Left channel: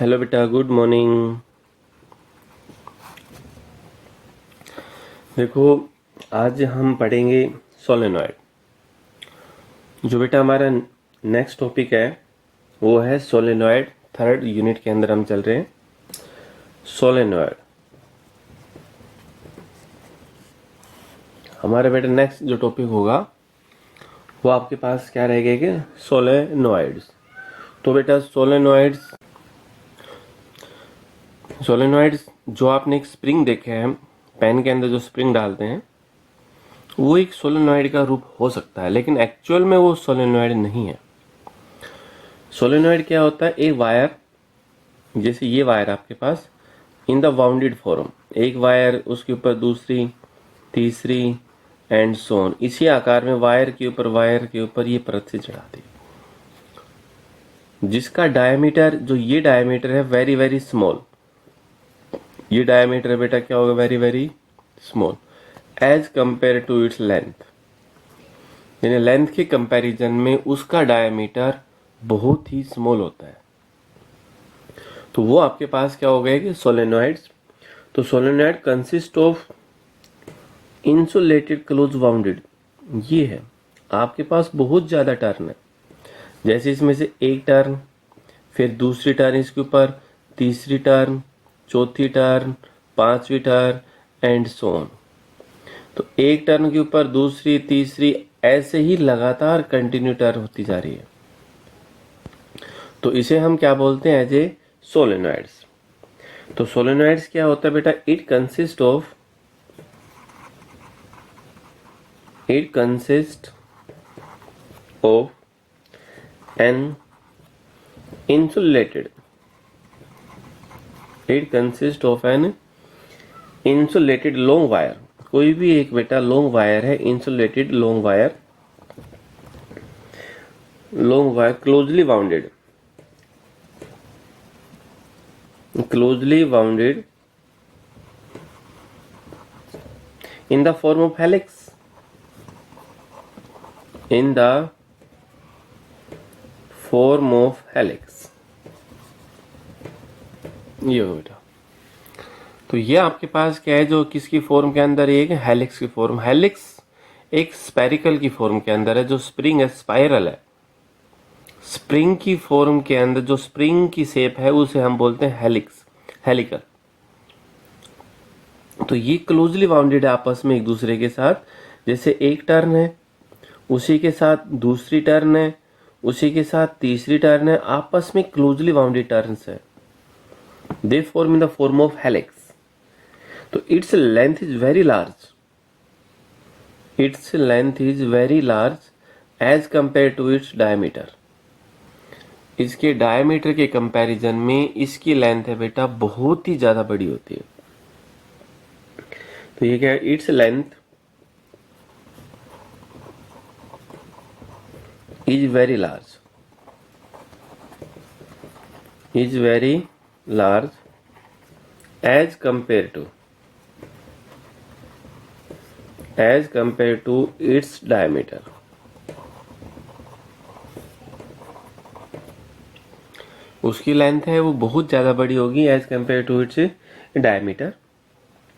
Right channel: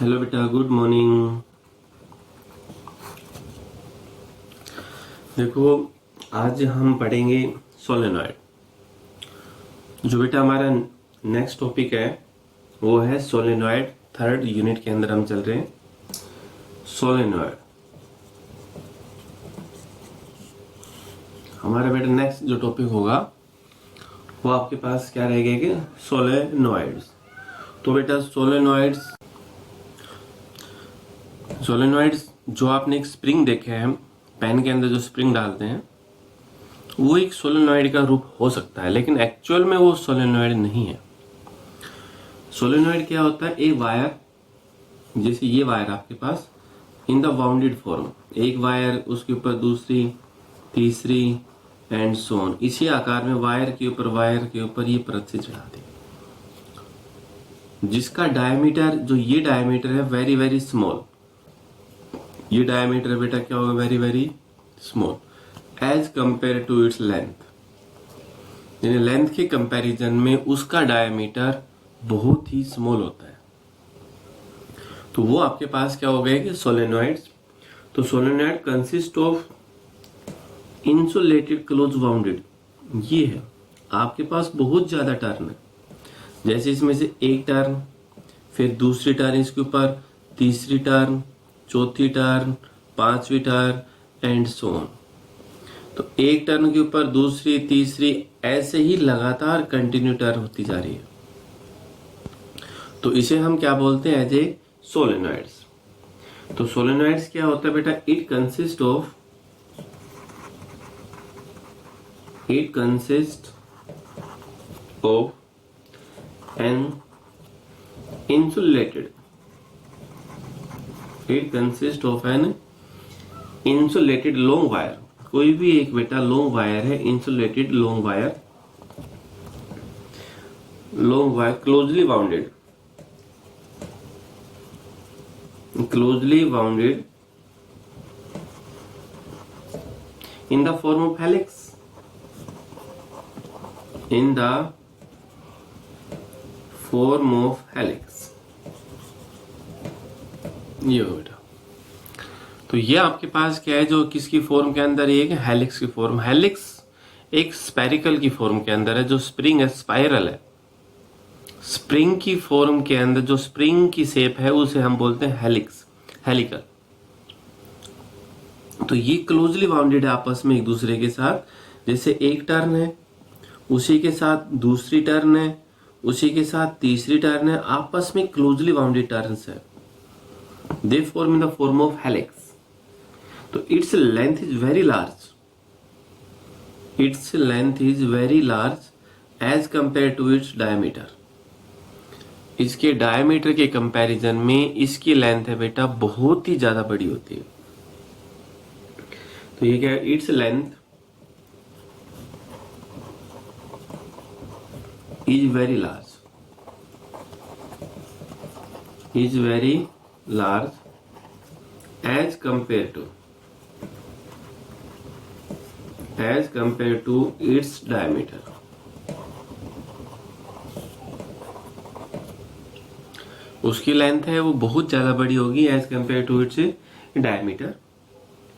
Hello बेटा, good morning. देखो, आज हम पढ़ेंगे सोलेनॉइड। जो बेटा हमारा नेक्स्ट टॉपिक है वो है सोलेनॉइड। थर्ड यूनिट के अंदर हम चल रहे हैं। सोलेनॉइड हमारे बेटा नेक्स्ट जो टॉपिक होगा वो आपके पास क्या रहेगा कि सोलेनॉइड्स। तो बेटा सोलेनॉइड्स जो आपने एक स्प्रिंग देखे हैं, पेन के अंदर जो स्प्रिंग डालते हैं वो एक सोलेनॉइड का रूप हो सकता है, लेकिन एक्चुअल में वो सोलेनॉइड नहीं है। सोलेनॉइड क्या होता है? एक वायर, जैसे ये वायर आपके पास इन द बाउंडेड फॉर्म, एक वायर उसके ऊपर दूसरी, तीसरी एंड सोन, इसी आकार में वायर के ऊपर ये परत से चढ़ा दी, जिसका डायमीटर, जो ये डायमीटर है वेरी वेरी स्मॉल। ये डायमीटर बेटा क्या होगा? Very very small as compare to its length, यानी लेंथ के कंपैरिजन में उसका डायमीटर बहुत ही स्मॉल होता है। तो वो आपके पास क्या हो गया कि सोलेनॉइड्स। तो solenoid consist of insulated close bounded, ये है आपके पास बहुत ज्यादा टर्न है। जैसे इसमें से एक टर्न, फिर दूसरी टर्न इसके ऊपर, तीसरी टर्न, चौथी टर्न, पांचवी टर्न एंड सो ऑन। तो एक टर्न के ऊपर दूसरी, तीसरी, ऐसे ही लगातार कंटिन्यू टर्न होती जा रही है। तो इसे हम क्या बोलते हैं? As a solenoids. तो सोलेनॉइड्स क्या होता है बेटा? It consist of an insulated long wire। कोई भी एक बेटा लॉन्ग वायर है, insulated long wire closely bounded in the form of helix, ये हो बेटा। तो ये आपके पास क्या है, जो किसकी फॉर्म के अंदर? एक हेलिक्स की फॉर्म। हेलिक्स एक स्पेरिकल की फॉर्म के अंदर है। जो स्प्रिंग है स्पाइरल है। स्प्रिंग की फॉर्म के अंदर जो स्प्रिंग की शेप है उसे हम बोलते हैं हेलिकल। तो ये क्लोजली बाउंडेड है आपस में एक दूसरे के साथ। जैसे एक टर्न है, उसी के साथ दूसरी टर्न है, उसी के साथ तीसरी टर्न है, आपस में क्लोजली बाउंडेड टर्न्स है। They form in the form of helix. तो its length is very large as compare to its diameter. इसके डायमीटर के कंपैरिजन में इसकी लेंथ है बेटा बहुत ही ज्यादा बड़ी होती है। तो ये क्या है? Its length is very large as compare to its diameter. उसकी लेंथ है वो बहुत ज्यादा बड़ी होगी as compare to its diameter.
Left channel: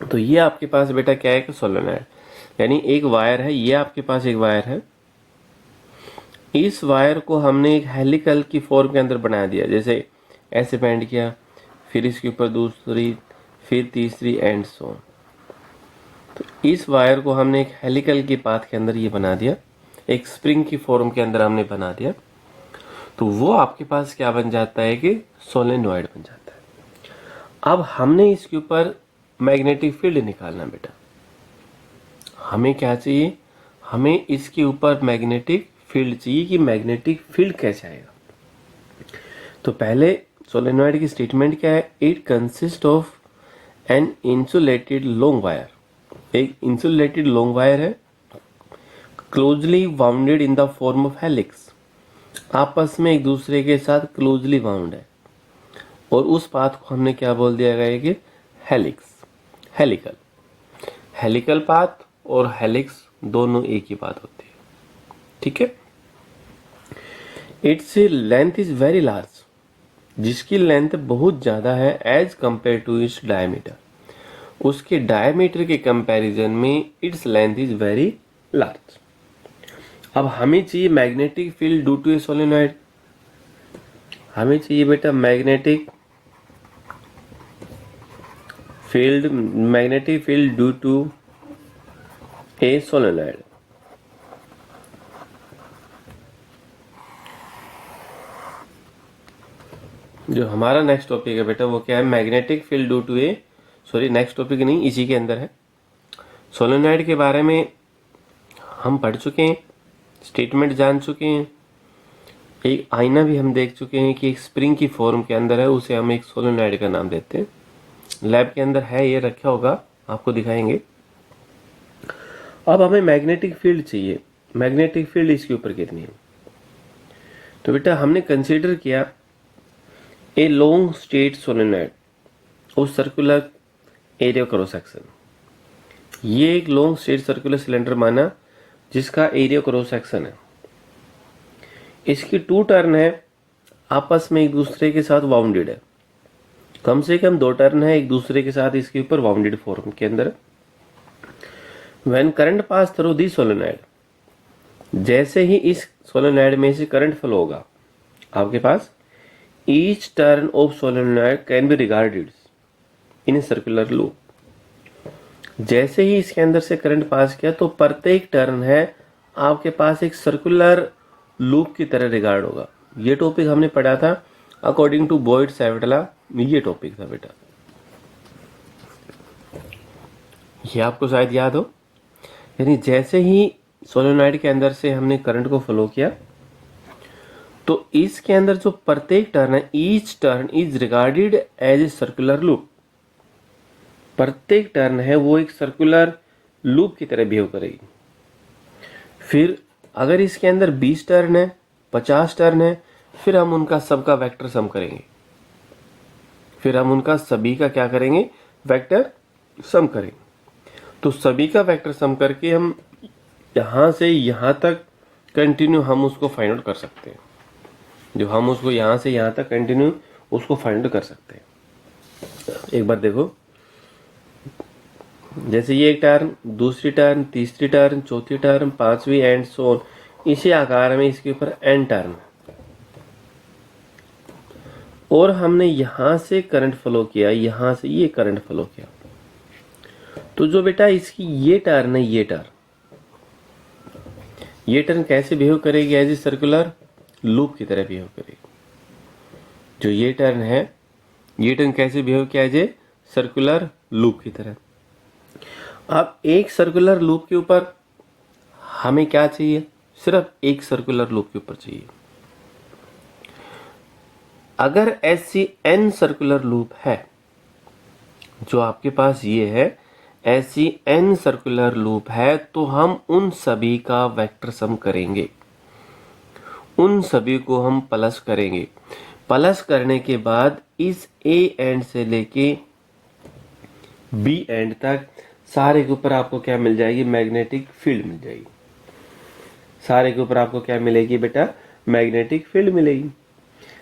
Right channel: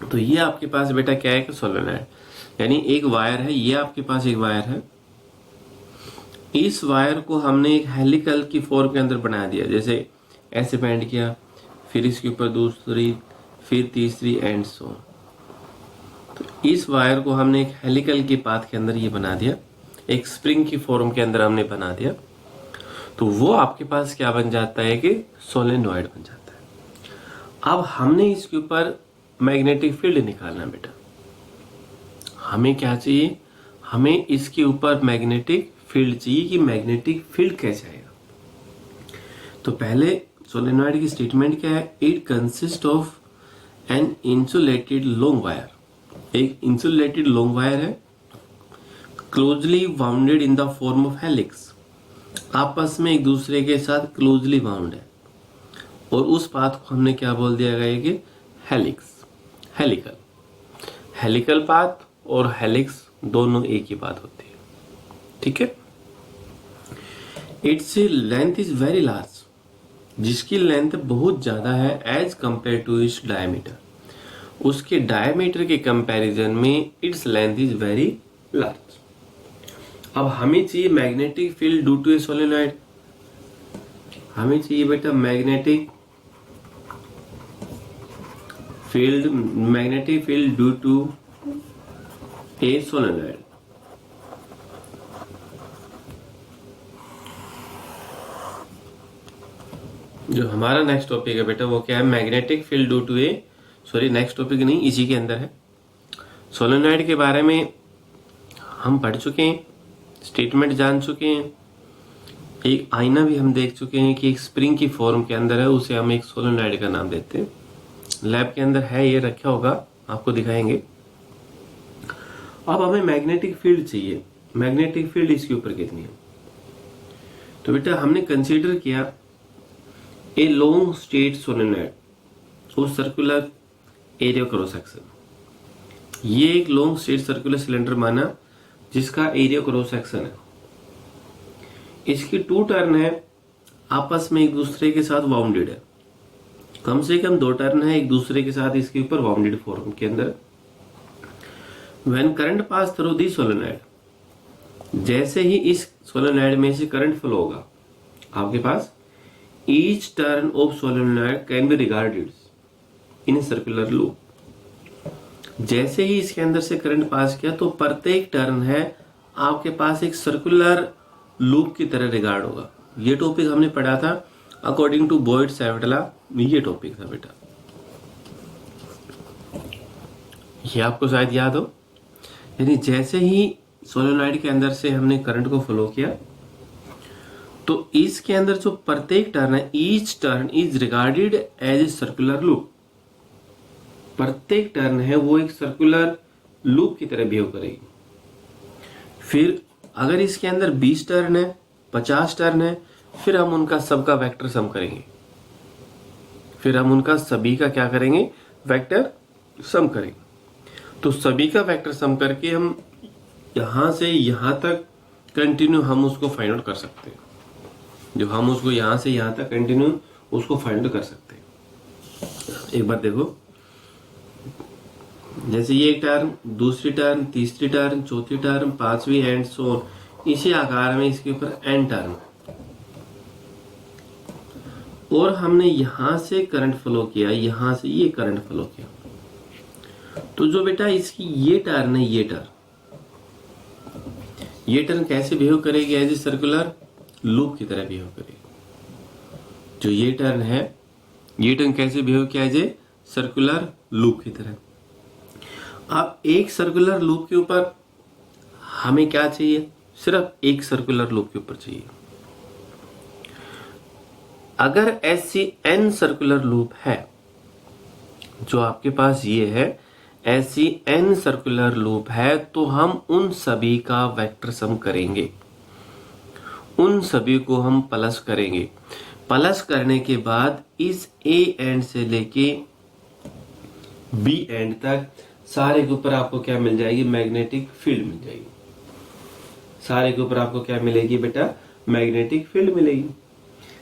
तो ये आपके पास बेटा क्या है कि सोलेनॉइड, यानी एक वायर है। ये आपके पास एक वायर है। इस वायर को हमने एक हेलिकल की फॉर्म के अंदर बना दिया। जैसे ऐसे बैंड किया, फिर इसके ऊपर दूसरी, फिर तीसरी एंड सो। तो इस वायर को हमने एक हेलिकल की पाथ के अंदर ये बना दिया, एक स्प्रिंग की फॉर्म के अंदर हमने बना दिया। तो वो आपके पास क्या बन जाता है कि सोलेनॉइड बन जाता है। अब हमने इसके ऊपर मैग्नेटिक फील्ड निकालना बेटा। हमें क्या चाहिए? हमें इसके ऊपर मैग्नेटिक फील्ड चाहिए कि मैग्नेटिक फील्ड कैसे आएगा। तो पहले सोलेनॉइड की स्टेटमेंट क्या है? It consist of an insulated long wire. एक इंसुलेटेड लॉन्ग वायर है, closely bounded in the form of helix, आपस में एक दूसरे के साथ क्लोजली बाउंड है। और उस पाथ को हमने क्या बोल दिया गया कि हेलिकल पाथ और हेलिक्स दोनों एक ही बात होती है। ठीक है। Its length is very large जिसकी लेंथ बहुत ज़्यादा है as compare to its diameter, उसके डायमीटर के कंपैरिजन में its length is very large. अब हमें चाहिए magnetic field due to a solenoid, हमें चाहिए बेटा magnetic field due to a solenoid. जो हमारा नेक्स्ट टॉपिक है बेटा वो क्या है, magnetic field due to a, sorry next topic नहीं, इसी के अंदर है। सोलेनॉइड के बारे में हम पढ़ चुके हैं, स्टेटमेंट जान चुके हैं, एक आईना भी हम देख चुके हैं कि एक स्प्रिंग की फॉर्म के अंदर है, उसे हम एक सोलेनॉइड का नाम देते हैं। लैब के अंदर है, ये रखा होगा, आपको दिखाएंगे। अब हमें मैग्नेटिक फील्ड चाहिए, मैग्नेटिक फील्ड इसके ऊपर कितनी है। तो बेटा हमने कंसीडर किया ए लॉन्ग स्ट्रेट सोलेनॉइड उस सर्कुलर एरिया क्रॉस सेक्शन, ये एक लॉन्ग स्ट्रेट सर्कुलर सिलेंडर माना जिसका एरिया क्रॉस सेक्शन है, इसकी टू टर्न है, आपस में एक दूसरे के साथ बाउंडेड है, कम से कम 2 टर्न है एक दूसरे के साथ इसके ऊपर बाउंडेड फॉर्म के अंदर। When current pass through the solenoid, जैसे ही इस सोलेनॉइड में से करंट फ्लो होगा आपके पास, each turn of solenoid can be regarded in circular loop. जैसे ही इसके अंदर से करंट पास किया तो प्रत्येक टर्न है आपके पास एक सर्कुलर लूप की तरह रिगार्ड होगा। ये टॉपिक हमने पढ़ा था अकॉर्डिंग टू बॉयड-सैविटला, ये टॉपिक था बेटा, ये आपको शायद याद हो। यानी जैसे ही सोलेनॉइड के अंदर से हमने करंट को फ्लो किया तो इसके अंदर जो प्रत्येक टर्न है, each turn is regarded as a circular loop, प्रत्येक टर्न है वो एक सर्कुलर लूप की तरह बिहेव करेगी। फिर अगर इसके अंदर 20 टर्न है, 50 टर्न है, फिर हम उनका सबका वेक्टर सम करेंगे, फिर हम उनका सभी का क्या करेंगे, वेक्टर सम करेंगे। तो सभी का वेक्टर सम करके हम यहां से यहां तक कंटिन्यू हम उसको फाइंड आउट कर सकते हैं, जो हम उसको यहां से यहां तक कंटिन्यू उसको फाइंड आउट कर सकते हैं। एक बार देखो, जैसे ये एक टर्न, दूसरी टर्न, तीसरी टर्न, चौथी टर्न, पांचवी एंड सो ऑन, इसी आकार में इसके ऊपर एन टर्न, और हमने यहां से करंट फ्लो किया, यहां से ये करंट फ्लो किया, तो जो बेटा इसकी ये टर्न है, ये टर्न कैसे बिहेव करेगी, एज ए सर्कुलर लूप की तरह बिहेव करेगी। जो ये टर्न है, ये टर्न कैसे बिहेव किया, एज ए सर्कुलर लूप की तरह। अब एक सर्कुलर लूप के ऊपर हमें क्या चाहिए, सिर्फ एक सर्कुलर लूप के ऊपर चाहिए। अगर ऐसी n सर्कुलर लूप है, जो आपके पास ये है, ऐसी n सर्कुलर लूप है, तो हम उन सभी का वेक्टर सम करेंगे, उन सभी को हम प्लस करेंगे। प्लस करने के बाद इस A एंड से लेके B एंड तक सारे के ऊपर आपको क्या मिल जाएगी, मैग्नेटिक फील्ड मिल जाएगी। सारे के ऊपर आपको क्या मिलेगी बेटा, मैग्नेटिक फील्ड मिलेगी।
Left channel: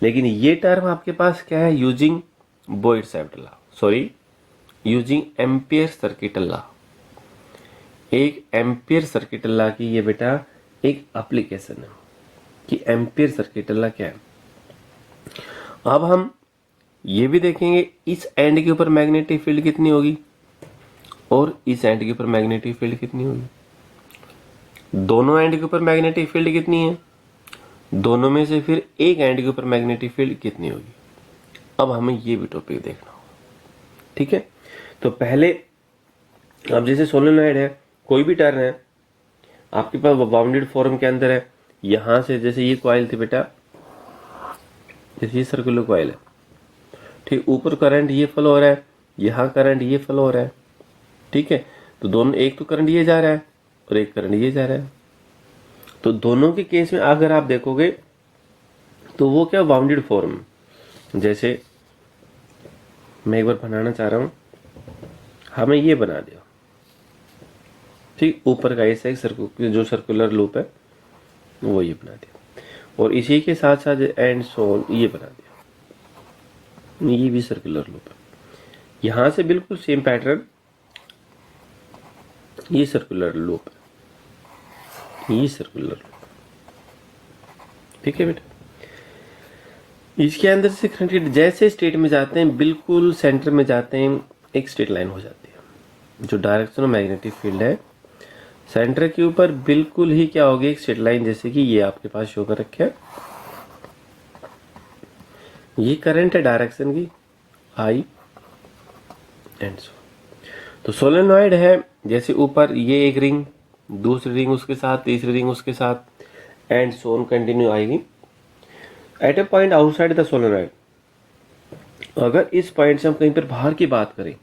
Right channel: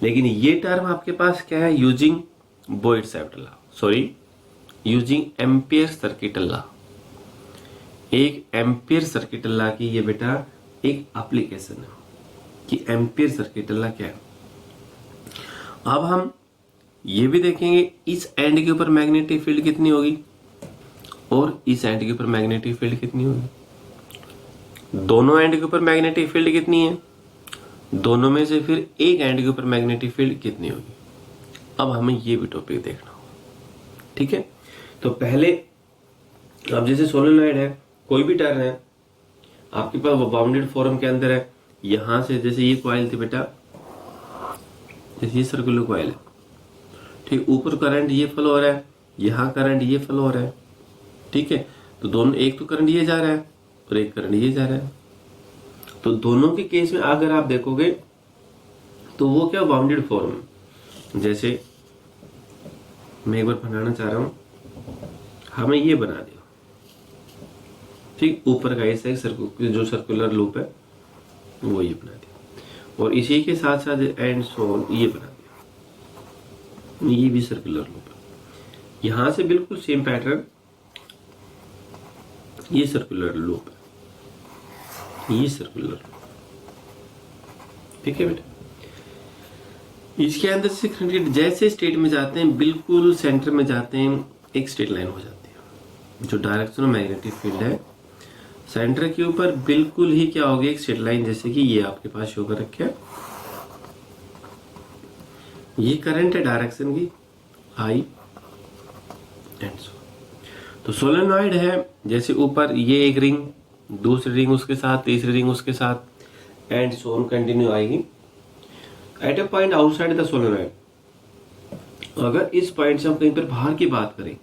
लेकिन ये टर्म आपके पास क्या है, using Biot Savart law, sorry using Ampere circuit law. एक एम्पियर सर्किट लॉ की ये बेटा एक एप्लीकेशन है कि एम्पियर सर्किट लॉ क्या है। अब हम ये भी देखेंगे इस एंड के ऊपर मैग्नेटिक फील्ड कितनी होगी और इस एंड के ऊपर मैग्नेटिक फील्ड कितनी होगी। दोनों एंड के ऊपर मैग्नेटिक फील्ड कितनी है, दोनों में से फिर एक एंड के ऊपर मैग्नेटिक फील्ड कितनी होगी। अब हमें ये भी टॉपिक देखना होगा, ठीक है। तो पहले अब जैसे सोलेनॉइड है, कोई भी टर्न है आपके पास बाउंडेड फॉर्म के अंदर है, यहां से जैसे ये कॉइल थी बेटा, जैसे ये सर्कुलर कॉइल है, ठीक, ऊपर करंट ये फ्लो हो रहा है, यहाँ करंट ये फ्लो हो रहा है, ठीक है। तो दोनों, एक तो करंट ये जा रहा है और एक करंट ये जा रहा है, तो दोनों के केस में अगर आप देखोगे तो वो क्या बाउंडेड फॉर्म, जैसे मैं एक बार बनाना चाह रहा हूं, हमें ये बना दिया, ठीक, ऊपर का ऐसा ही जो सर्कुलर लूप है वो ये बना दिया, और इसी के साथ साथ एंड सो ऑन ये बना दिया। ये भी सर्कुलर लूप है। यहां से बिल्कुल सेम पैटर्न, ये सर्कुलर लूप है, ये सर्कुलर लूप, ठीक है बेटा। इसके अंदर से करंट जैसे स्टेट में जाते हैं बिल्कुल सेंटर में जाते हैं, एक स्ट्रेट लाइन हो जाती है। जो डायरेक्शन ऑफ मैग्नेटिक फील्ड है सेंटर के ऊपर बिल्कुल ही क्या होगी, एक स्ट्रेट लाइन, जैसे कि ये आपके पास शो कर रखा है। ये करंट है डायरेक्शन की आई एंड सो। तो सोलेनॉइड है, जैसे ऊपर ये एक रिंग, दूसरी रिंग उसके साथ, तीसरी रिंग उसके साथ, एंड सो ऑन कंटिन्यू आएगी। At a point outside the solenoid, अगर इस पॉइंट से हम कहीं पर बाहर की बात करें,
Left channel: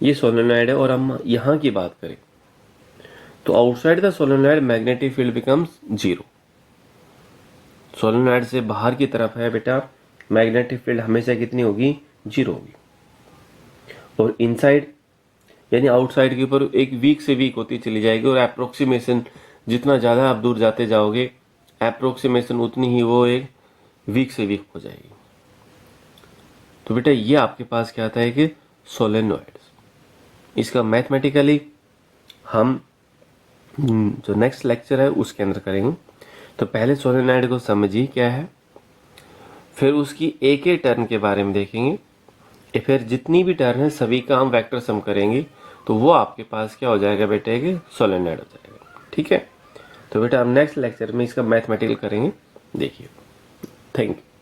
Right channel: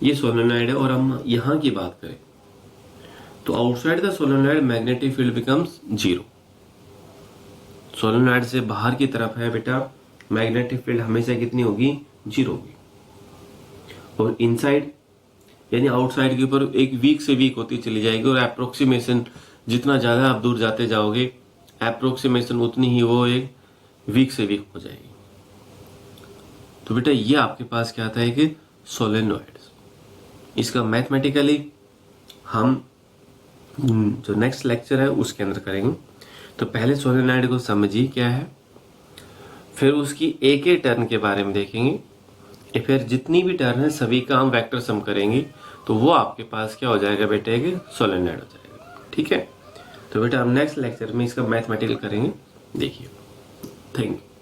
ये सोलेनॉइड है और हम यहां की बात करें, तो outside the solenoid magnetic field becomes zero. Solenoid से बाहर की तरफ है बेटा, मैग्नेटिक फील्ड हमेशा कितनी होगी, जीरो होगी। और इनसाइड यानी आउटसाइड के ऊपर एक वीक से वीक होती चली जाएगी, और अप्रोक्सीमेशन जितना ज्यादा आप दूर जाते जाओगे अप्रोक्सीमेशन उतनी ही वो एक वीक से वीक हो जाएगी। तो बेटा ये आपके पास क्या आता है कि सोलेनॉइड। इसका मैथमेटिकली हम जो नेक्स्ट लेक्चर है उसके अंदर करेंगे। तो पहले सोलेनॉइड को समझिए क्या है, फिर उसकी एक एक टर्न के बारे में देखेंगे, फिर जितनी भी टर्न है सभी का हम वेक्टर सम करेंगे, तो वो आपके पास क्या हो जाएगा बेटे कि सोलेनॉइड हो जाएगा, ठीक है। तो बेटा हम नेक्स्ट लेक्चर में इसका मैथमेटिकल करेंगे, देखिए। Thank you.